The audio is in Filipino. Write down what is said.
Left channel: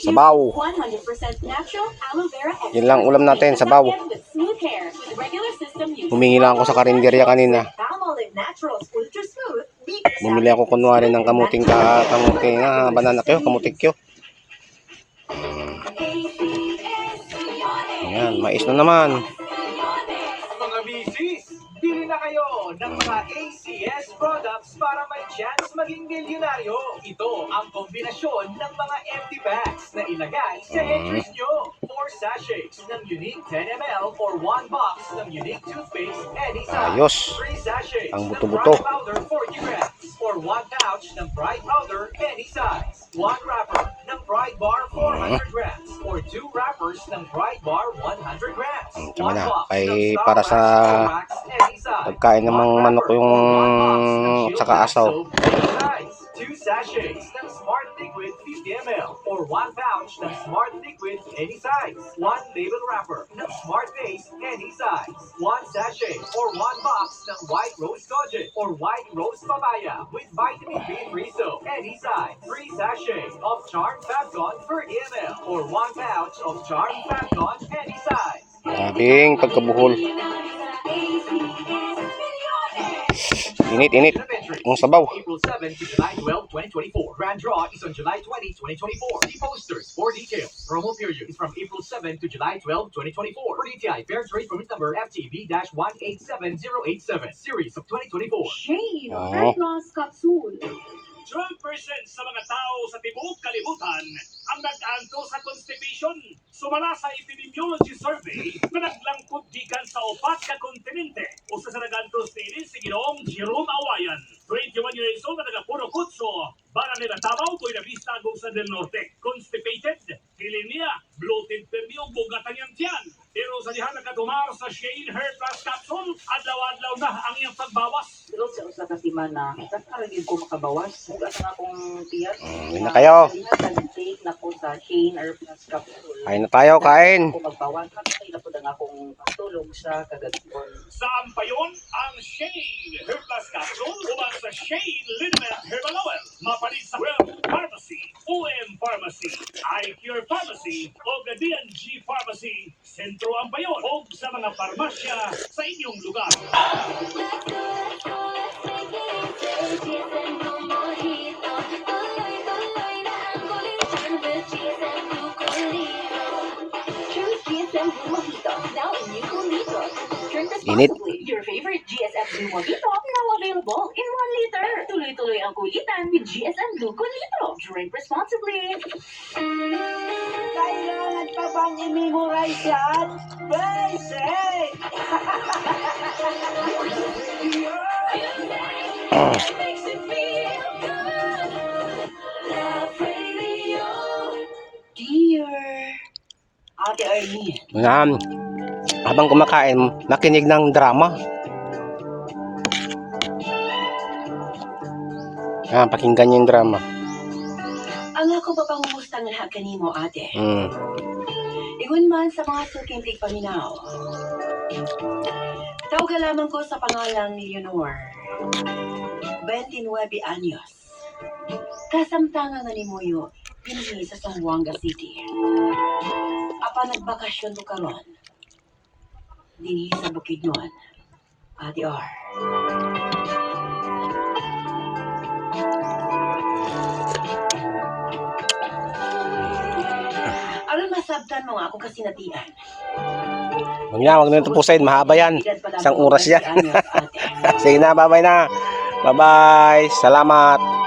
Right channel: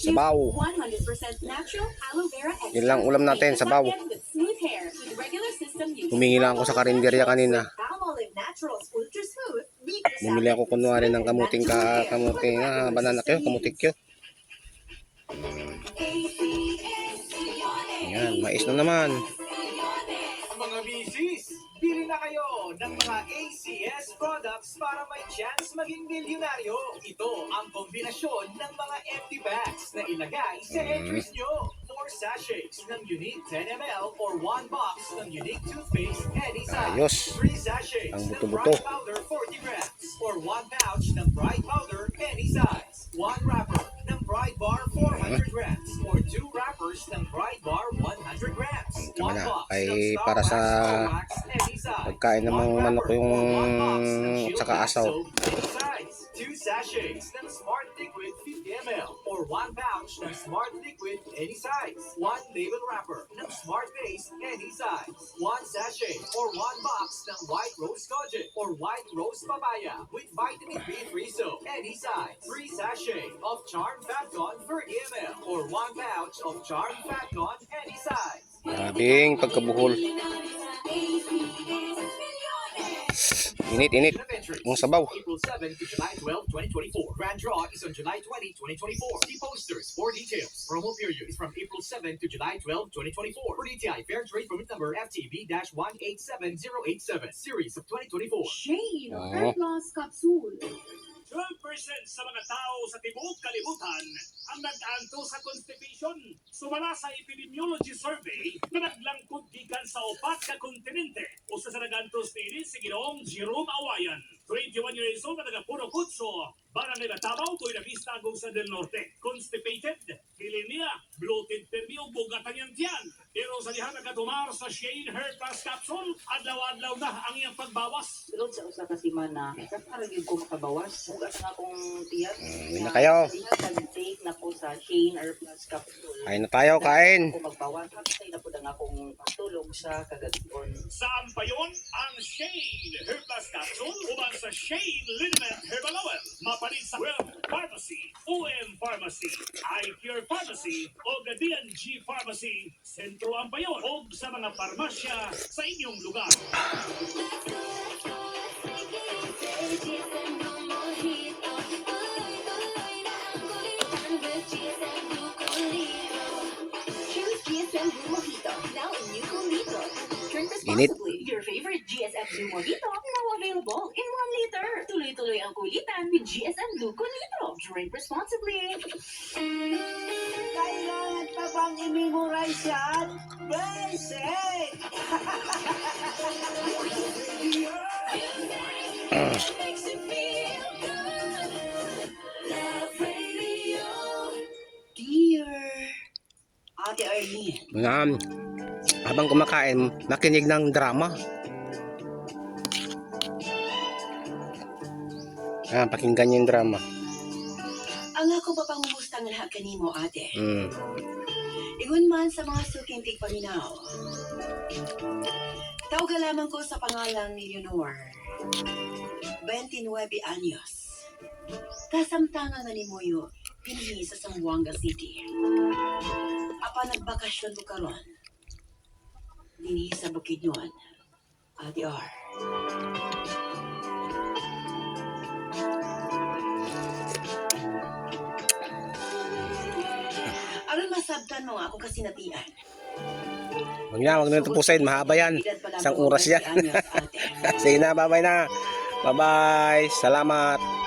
Sabaw. Yun lang ulam natin, sabaw. Humingi lang ako sa karinderya kanina. Bumili ako kunwari ng kamuting banana kyo, kamuting kyo. Ayan, mais na naman. Mga misis, bili na kayo ng mga ACS products para may chance maging milyonaryo. Ito ang kombinasyon ng mga empty bags na ilagay sa entries nyo. 4 sachets ng unique 10 ml or 1 box ng unique toothpaste any size. Ayos. 3 sachets ang ng buto-buto. Bright powder 40 grams or 1 pouch ng Bright powder any size. 1 wrapper ng Bright bar 400 grams or 2 wrappers ng Bright bar 100 grams. Tama na, ay para sa pagkain ng mga manok yung saka asaw. 2 sachets ng Smart Liquid 50 ml or 1 pouch ng Smart Liquid any size. 1 label wrapper ng Smart Paste any size. 1 sachet or 1 box ng White Rose Kojic or White Rose Papaya with vitamin B3 soap any size. 3 sachets of Charm Fabcon 30 ml or 1 pouch of Charm Fabcon any size. Grabing pagkabuhol. Init ang sabaw. April 7 to July 12, 2024. Grand draw is on July 20, 2024. See posters for details. Promo period is from April 7 to July 12, 2024. For DTI Fair Trade Permit Number FTB-187087, Series of 2024. Shane, Red Loss Capsule. 12% sa mga tao sa tibuok kalibutan ang nag-anto sa constipation. Sumala sa epidemiology survey na naglangkod gikan sa upat ka kontinente o sa sanagantos ni si Ginoong Jerome Awayan. 21 years old na taga-Puro Kutso, Barangay nila Tabaw, Buena Vista, Agusan del Norte. Constipated, kilinia, bloated perdi o bugatan niyang tiyan. Pero sa dihan nakatumar sa Shane Hair Plus Capsule, adlaw-adlaw na ang iyang pagbawas. Tulog sa usa ka semana, kakaragin ko makabawas. Huwag ang akong tiyan. Yun na kayo. Take na po sa Shane Hair Plus Capsule. Kain na tayo, kain. Kung magbawas, matay na po ang akong pagtulong sa kagayon. Saan pa yun ang Shane Hair Plus Capsule uban sa Shane Liniment Herbal Oil. Mapalit sa Well Pharmacy, OM Pharmacy, iCure Pharmacy o D&G Pharmacy. Sentro ang payon o sa mga farmasya sa inyong lugar. Init. Your favorite GSM Blue Mojito now available in 1 liter. Tuloy-tuloy ang kulitan with GSM Blue Litro. Drink responsibly. Kailangan pa bang i-memorize yan? Basic! Dear Ate Arlene. Yan. Habang kumakain, nakinig ng drama. Pakinggan yung drama. Ang ako pa pangusta nga lahat kanimo, ate. Mm. Ingon man sa mga suking tigpaminaw. Tawag lamang ko sa pangalan ni Leonor. 29 anyos. Kasamtangan nga ni Moyo, pinili sa Zamboanga City. Apa nagbakasyon to karon. Dinhi sa Bukidnon, Ate R. Aron masabtan mo nga akong kasinatian. Huwag na tapusin. Mahaba yan. Isang oras yan. Sige na, bye-bye na. Bye-bye. Salamat.